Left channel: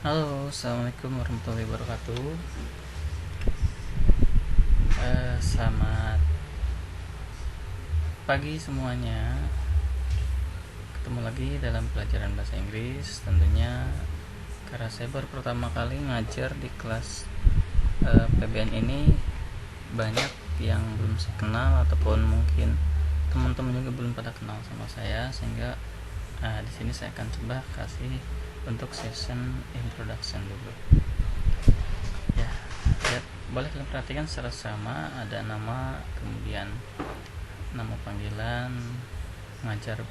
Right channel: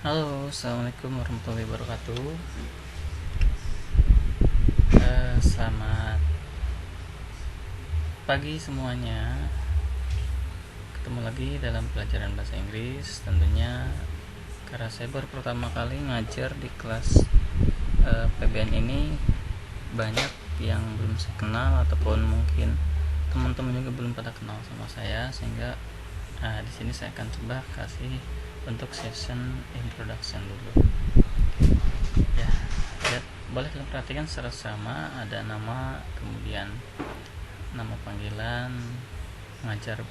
Halo, assalamualaikum warahmatullahi wabarakatuh. Selamat pagi semuanya. Ketemu lagi dalam pelajaran bahasa Inggris. Tentunya karena saya baru pertama kali ngajar di kelas PBN ini, banyak yang belum saya kenal ataupun mungkin teman-teman juga belum pada kenal sama saya, sehingga di sini saya akan coba kasih untuk session introduction dulu. Ya, lihat, boleh kalian perhatikan secara sama, ada nama, kemudian nama panggilan, mengajar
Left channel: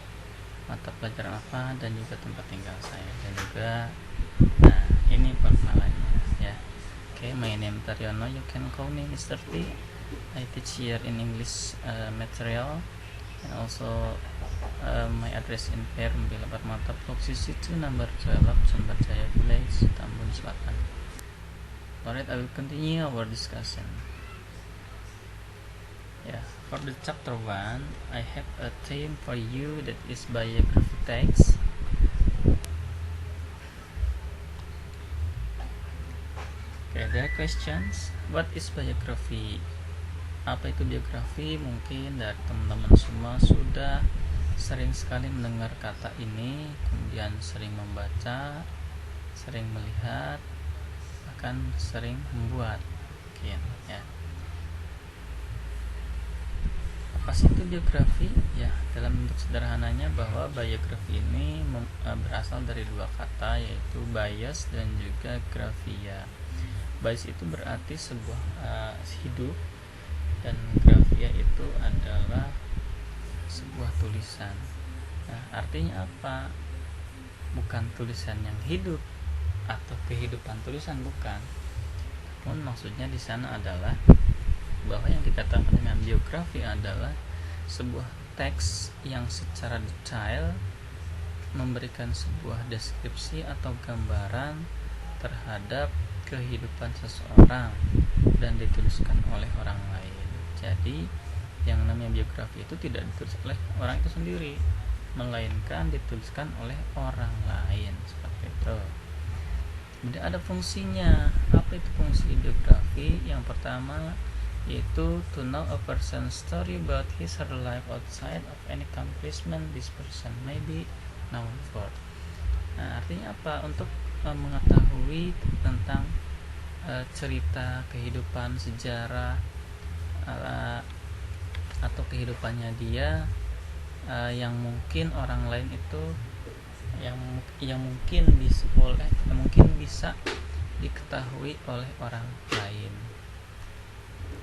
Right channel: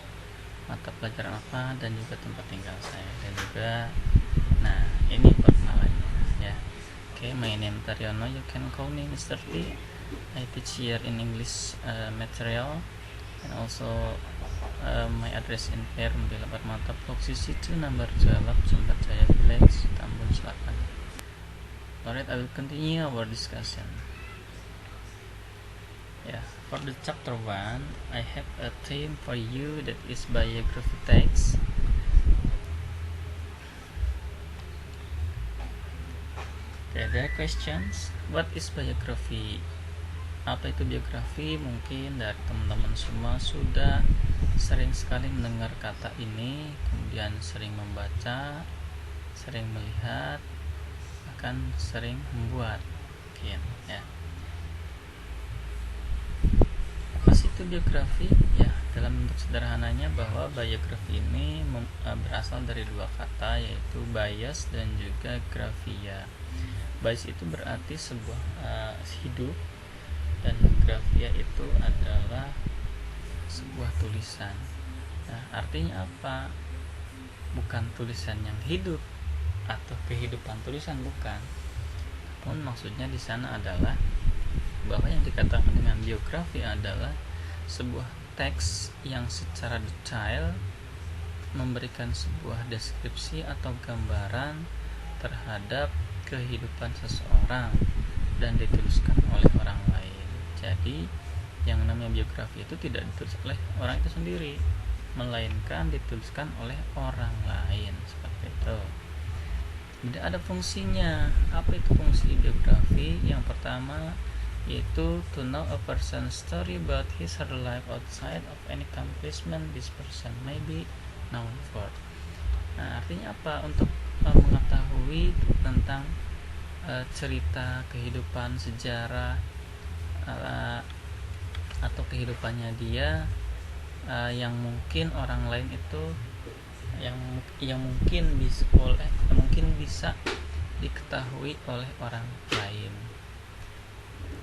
mata pelajaran apa, dan juga tempat tinggal saya, dan juga nah ini perkenalannya ya. Okay, my name Taryono, you can call me Mr. T. I teach here in English material, and also my address in Perum, Bilabat Mata, Blok CC2 number 12, Sumberjaya Village, Tambun Selatan. Alright, I will continue our discussion. Yeah, for the chapter 1, I have a theme for you that is biography text. Okay, there are questions. What is biography? Apa itu biografi? Mungkin dari teman-teman semua sudah sering sekali mendengar kata ini, kemudian sering membaca, sering melihat, bahkan sering membuat, mungkin ya. Apa sih itu biografi? Ya, dalam bentuk sederhananya bahwa biografi ini berasal dari dua kata, yaitu bias dan juga grafia. Bias itu berarti sebuah hidup, dan grafia itu adalah sebuah tulisan. Nah, artinya apa? Bukan tulisan yang hidup atau kehidupan tulisan, bukan. Namun maksudnya di sana adalah bahwa yang dikatakan dengan biografi adalah sebuah teks yang secara detail memberikan sebuah deskripsi atau gambaran terhadap kehidupan seseorang dan dituliskan oleh orang lain. Jadi yang namanya biografi itu tidak ditulis oleh orang itu sendiri, melainkan dituliskan oleh orang lain, seperti itu. Kemudian ada fungsinya. Apa itu fungsi biografi? Yang pertama yaitu to know a person's story about his or her life outside of any accomplishment this person may be known for. Nah, artinya apa? Untuk mengetahui tentang cerita kehidupan, sejarah atau kehidupannya dia, yang mungkin orang lain itu yang mungkin bisa diketahui oleh orang lain.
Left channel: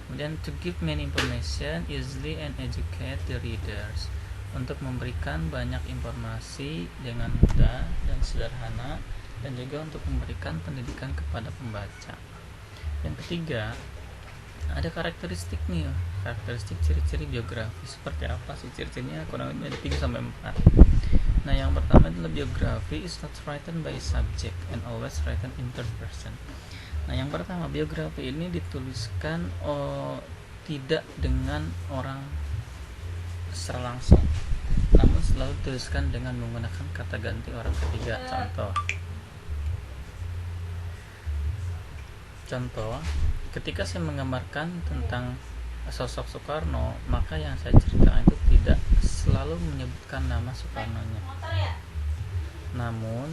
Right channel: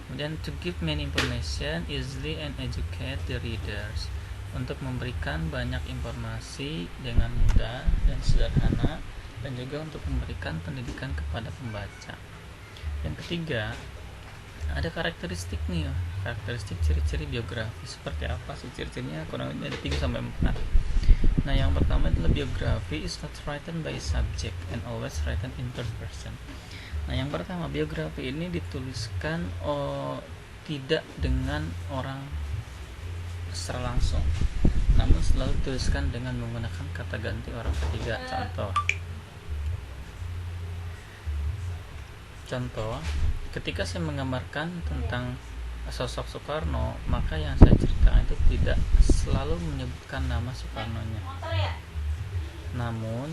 Kemudian to give many information easily and educate the readers, untuk memberikan banyak informasi dengan mudah dan sederhana, dan juga untuk memberikan pendidikan kepada pembaca. Yang ketiga, ada karakteristik nih, karakteristik ciri-ciri biografi. Seperti apa sih ciri-cirinya? Kurang lebih ada 3-4. Nah, yang pertama adalah biografi is not written by subject and always written in third person. Nah, yang pertama, biografi ini dituliskan tidak dengan orang secara langsung, namun selalu dituliskan dengan menggunakan kata ganti orang ketiga. Contoh, ketika saya menggambarkan tentang sosok Soekarno, maka yang saya ceritakan itu tidak selalu menyebutkan nama Soekarnonya, namun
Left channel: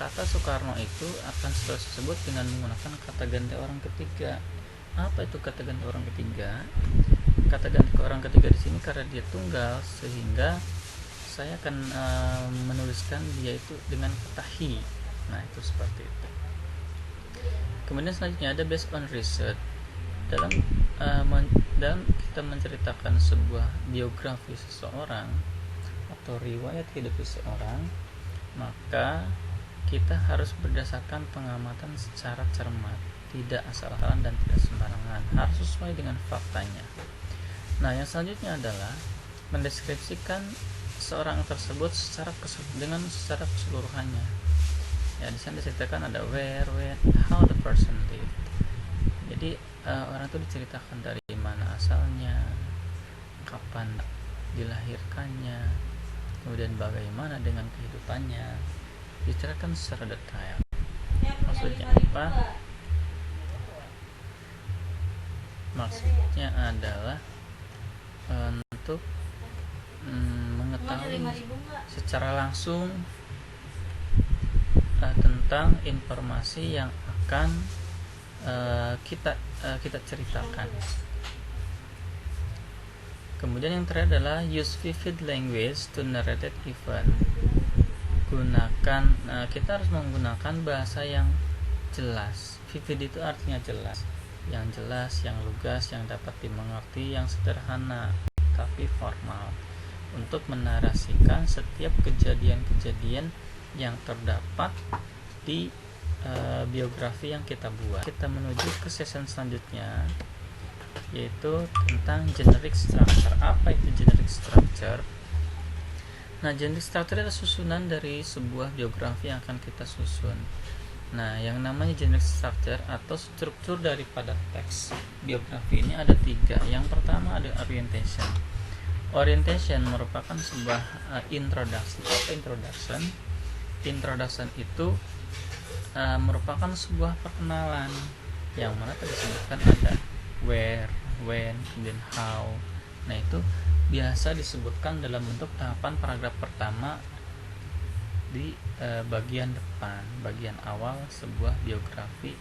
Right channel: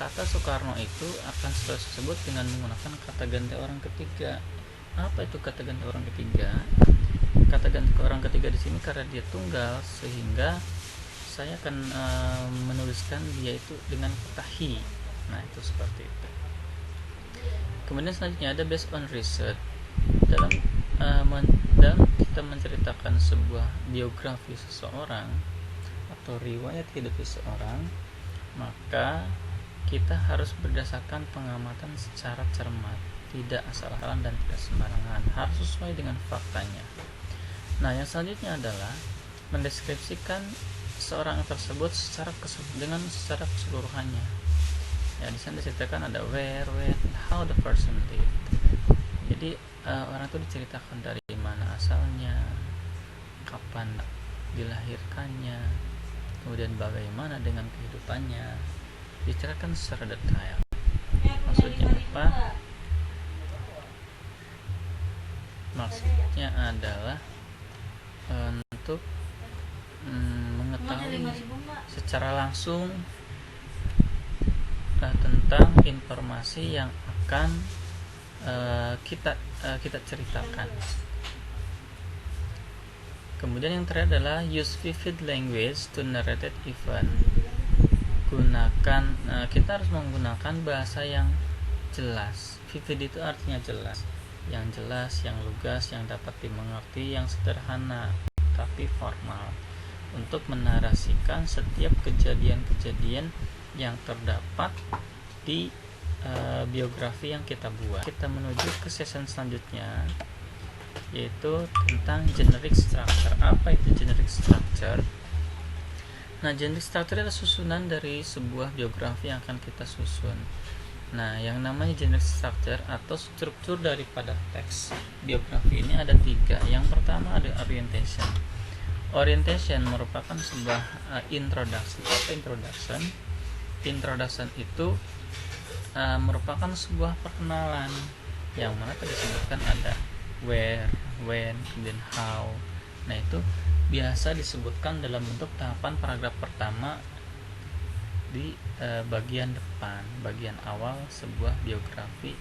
kata Soekarno itu akan selalu disebut dengan menggunakan kata ganti orang ketiga. Apa itu kata ganti orang ketiga? Kata ganti orang ketiga di sini karena dia tunggal, sehingga saya akan menuliskan dia itu dengan kata he. Nah, itu seperti itu. Kemudian selanjutnya ada based on research. Dalam kita menceritakan sebuah biografi seseorang atau riwayat hidup seseorang, maka kita harus berdasarkan pengamatan secara cermat, tidak asal-asalan dan tidak sembarangan, harus sesuai dengan faktanya. Nah, yang selanjutnya adalah mendeskripsikan seorang tersebut secara keseluruhannya. Ya, di sana diceritakan ada where, when, how the person lived. Jadi orang itu diceritakan dari mana asalnya, kapan dilahirkannya, kemudian bagaimana dengan kehidupannya, diceritakan secara detail. Maksudnya apa? Maksudnya adalah untuk mengetahui secara langsung tentang informasi yang akan kita ceritakan. Kemudian yang terakhir adalah use vivid language to narrate event. Kita harus menggunakan bahasa yang jelas. Vivid itu artinya jelas, yang lugas, yang dapat dimengerti, yang sederhana tapi formal, untuk menarasikan setiap kejadian-kejadian yang terdapat di biografi yang kita buat. Kita menuju ke session selanjutnya, yaitu tentang generic structure. Apa itu generic structure? Nah, generic structure adalah susunan dari sebuah biografi yang akan kita susun. Nah, yang namanya generic structure atau struktur daripada teks biografi ini ada 3. Yang pertama ada orientation. Orientation merupakan sebuah introduction. Apa introduction? Introduction itu merupakan sebuah perkenalan yang mana tadi disebutkan ada where, when, kemudian how. Nah, itu biasa disebutkan dalam bentuk tahapan paragraf pertama di bagian depan, bagian awal sebuah biografi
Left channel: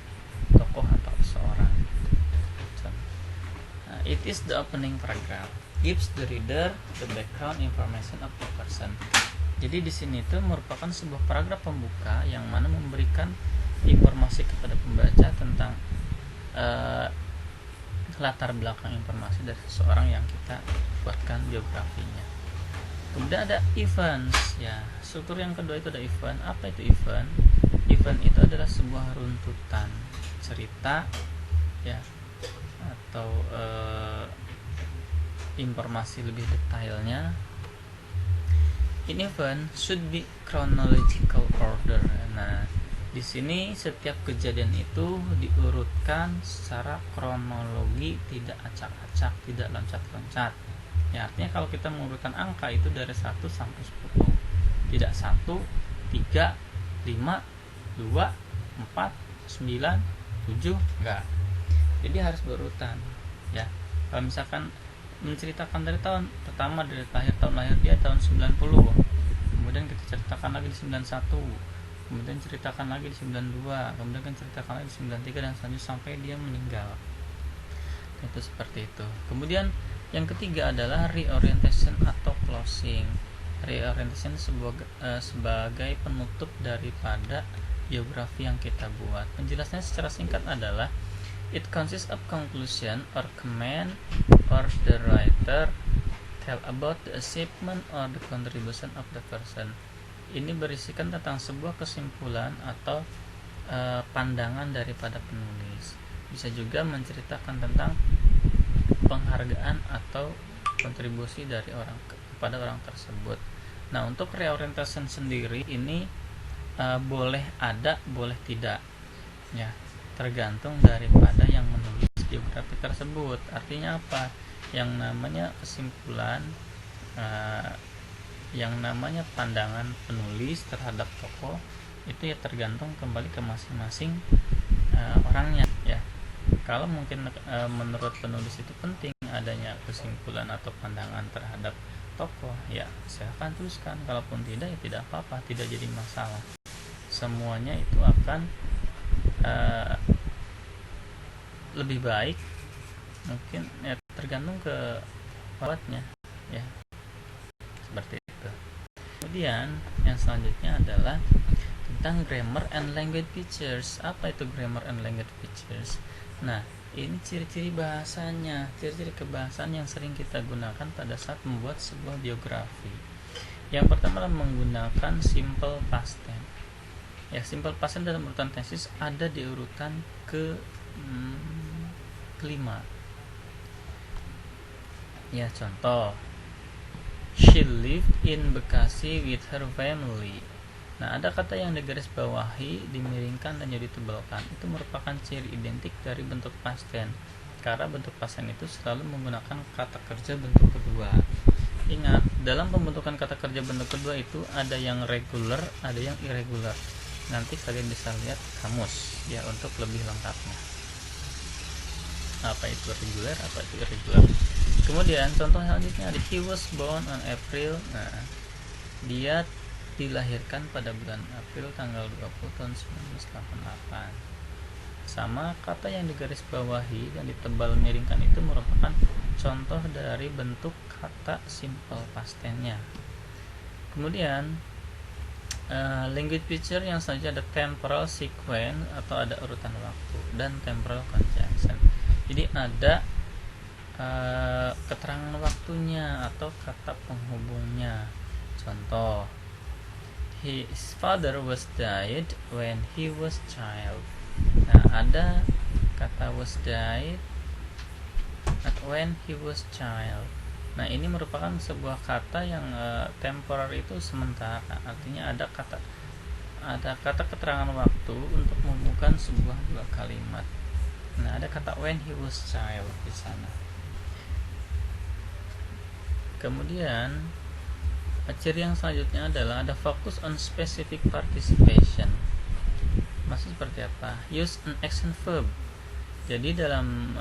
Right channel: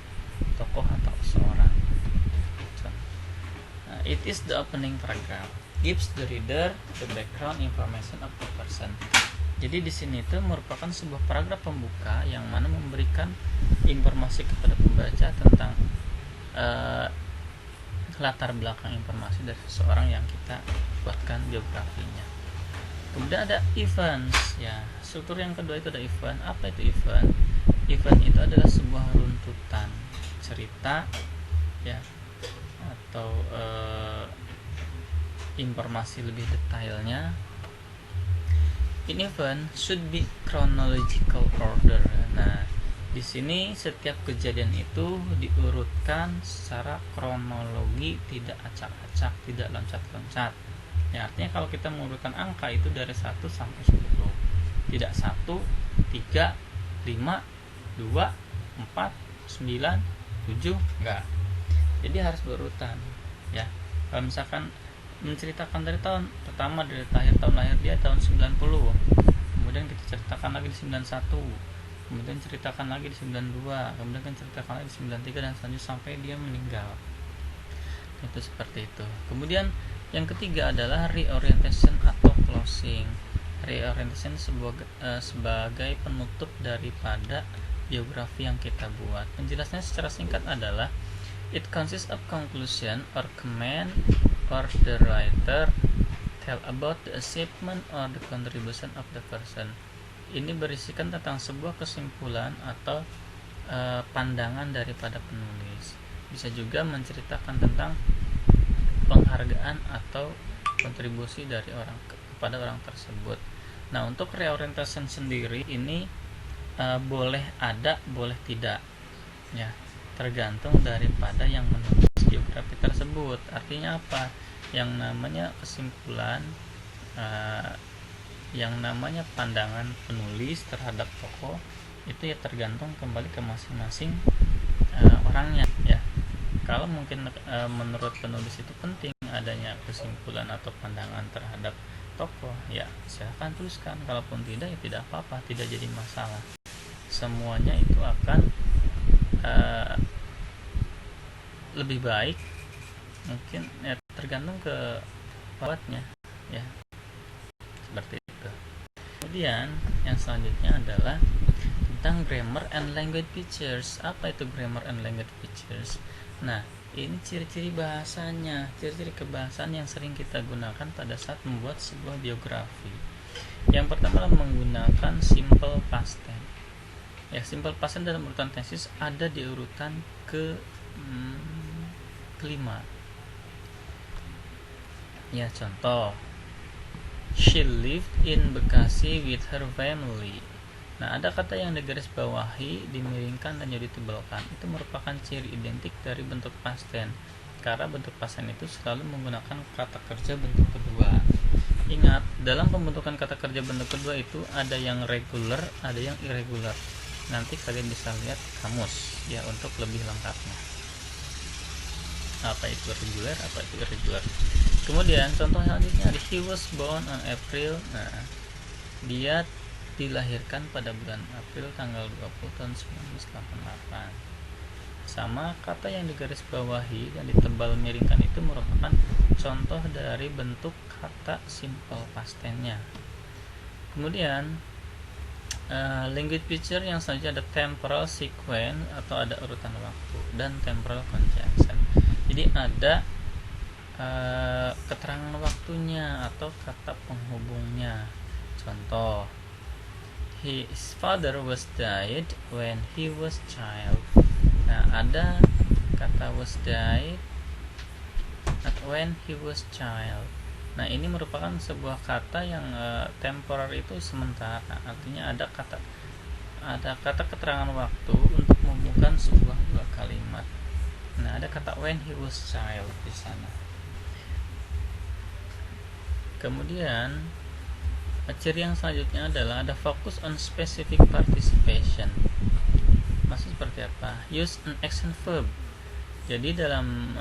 tokoh atau seorang. It is the opening paragraph, gives the reader the background information of the person. Jadi di sini itu merupakan sebuah paragraf pembuka yang mana memberikan informasi kepada pembaca tentang latar belakang informasi dari seseorang yang kita buatkan biografinya. Kemudian ada events, ya. Struktur yang kedua itu ada event. Apa itu event? Event itu adalah sebuah runtutan cerita, ya, atau informasi lebih detailnya. In event should be chronological order. Nah, di sini setiap kejadian itu diurutkan secara kronologi, tidak acak-acak, tidak loncat-loncat. Ya, artinya kalau kita mengurutkan angka itu dari 1 sampai 10. Tidak 1, 3, 5, 2, 4, 9, 7, enggak. Jadi harus berurutan, ya. Kalau misalkan menceritakan dari tahun pertama, dari tahun lahir dia tahun 90, kemudian kita ceritakan lagi di 91, kemudian ceritakan lagi di 92, kemudian kan ceritakan lagi di 93 dan selanjutnya sampai dia meninggal. Itu seperti itu. Kemudian yang ketiga adalah reorientation atau closing. Reorientation sebagai penutup daripada biografi yang kita buat. Penjelasannya secara singkat adalah it consists of conclusion or comment or the writer tell about the achievement or the contribution of the person. Ini berisikan tentang sebuah kesimpulan atau pandangan daripada penulis. Bisa juga menceritakan tentang penghargaan atau kontribusi dari orang kepada orang tersebut. Nah, untuk reorientation sendiri ini boleh ada, boleh tidak, ya, tergantung daripada yang menulis biografi tersebut. Artinya apa? Yang namanya kesimpulan, yang namanya pandangan penulis terhadap tokoh itu ya tergantung kembali ke masing-masing orangnya, ya. Kalau mungkin menurut penulis itu penting adanya kesimpulan atau pandangan terhadap tokoh, ya silahkan tuliskan. Kalaupun tidak, ya tidak apa-apa, tidak jadi masalah. Semuanya itu akan lebih baik, mungkin ya tergantung ke perawatnya, ya, seperti itu. Kemudian yang selanjutnya adalah tentang grammar and language features. Apa itu grammar and language features? Nah, ini ciri-ciri bahasanya, ciri-ciri kebahasaan yang sering kita gunakan pada saat membuat sebuah biografi. Yang pertama adalah menggunakan simple past tense. Ya, simple past tense dalam urutan tesis ada di urutan kelima. Ya, contoh, she lived in Bekasi with her family. Nah, ada kata yang digaris bawahi, dimiringkan, dan jadi ditebalkan. Itu merupakan ciri identik dari bentuk past tense. Karena bentuk past tense itu selalu menggunakan kata kerja bentuk kedua. Ingat, dalam pembentukan kata kerja bentuk kedua itu ada yang regular, ada yang irregular. nanti kalian bisa lihat kamus ya untuk lebih lengkapnya apa itu regular, apa itu irregular. Kemudian contoh selanjutnya ada he was born on April. Nah, dia dilahirkan pada bulan April tanggal 20 tahun 1988. Sama kata yang digaris bawahi dan ditebal miringkan itu merupakan contoh dari bentuk kata simple past tense-nya. Kemudian language feature yang selanjutnya ada temporal sequence atau ada urutan waktu dan temporal conjunction. Jadi ada keterangan waktunya atau kata penghubungnya. Contoh, his father was died when he was child. Nah, ada kata was died when he was child. Nah, ini merupakan sebuah kata yang temporer itu sementara. Artinya ada kata keterangan waktu untuk menghubungkan sebuah dua kalimat. Nah, ada kata when he was child di sana. Kemudian ciri yang selanjutnya adalah ada focus on specific participation. Maksud seperti apa? Use an action verb. Jadi dalam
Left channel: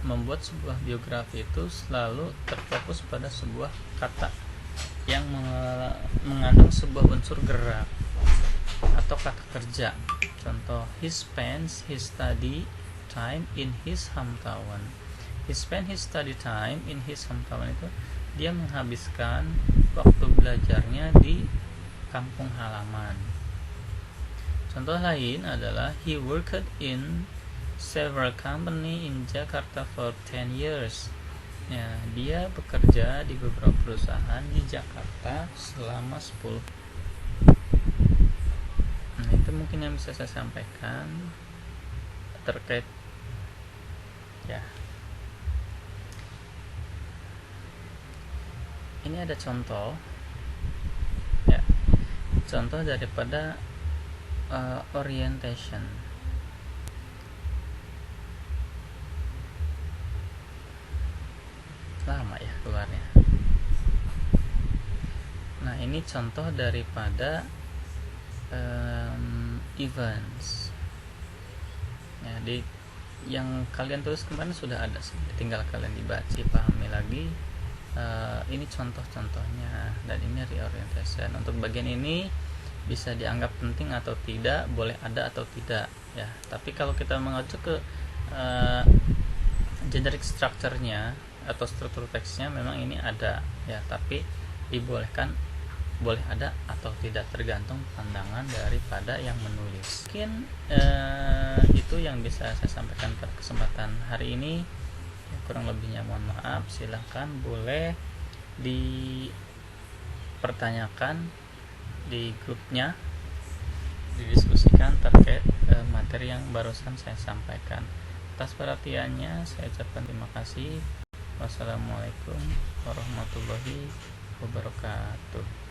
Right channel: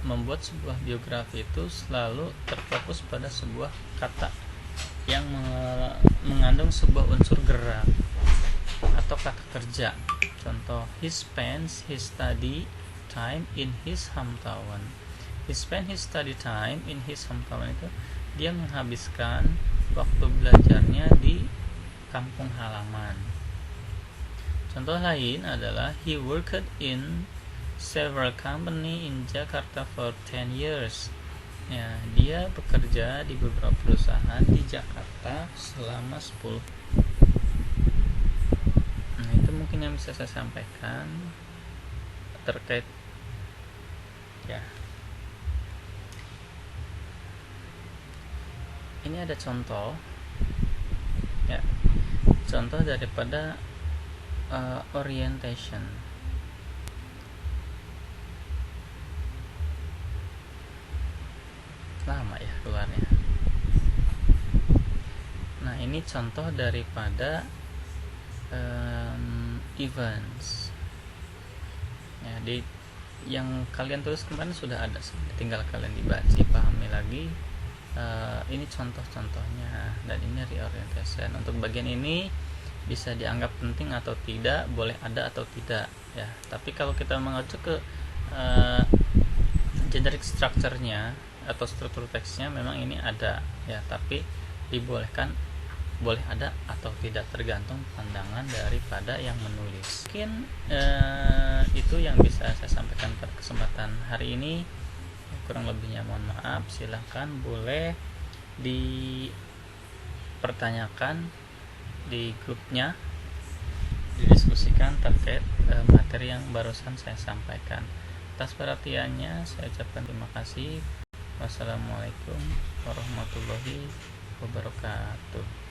membuat sebuah biografi itu selalu terfokus pada sebuah kata yang mengandung sebuah unsur gerak atau kata kerja. Contoh, he spends his study time in his hometown. He spent his study time in his hometown itu dia menghabiskan waktu belajarnya di kampung halaman. Contoh lain adalah he worked in several company in Jakarta for 10 years. Ya, dia bekerja di beberapa perusahaan di Jakarta selama 10. Nah, itu mungkin yang bisa saya sampaikan terkait ya. Ini ada contoh ya. Contoh daripada orientation. Lama ya keluarnya. Nah, ini contoh daripada events ya, di yang kalian tulis kemarin sudah ada, tinggal kalian dibaca, pahami lagi. Ini contoh-contohnya dan ini reorientation. Untuk bagian ini bisa dianggap penting atau tidak, boleh ada atau tidak ya. Tapi kalau kita mengacu ke generic structure-nya atau struktur teksnya memang ini ada ya, tapi dibolehkan, boleh ada atau tidak tergantung pandangan daripada yang menulis. Mungkin itu yang bisa saya sampaikan pada kesempatan hari ini. Kurang lebihnya mohon maaf. Silahkan boleh dipertanyakan di grupnya, didiskusikan terkait materi yang barusan saya sampaikan. Atas perhatiannya saya ucapkan terima kasih. Wassalamualaikum warahmatullahi wabarakatuh.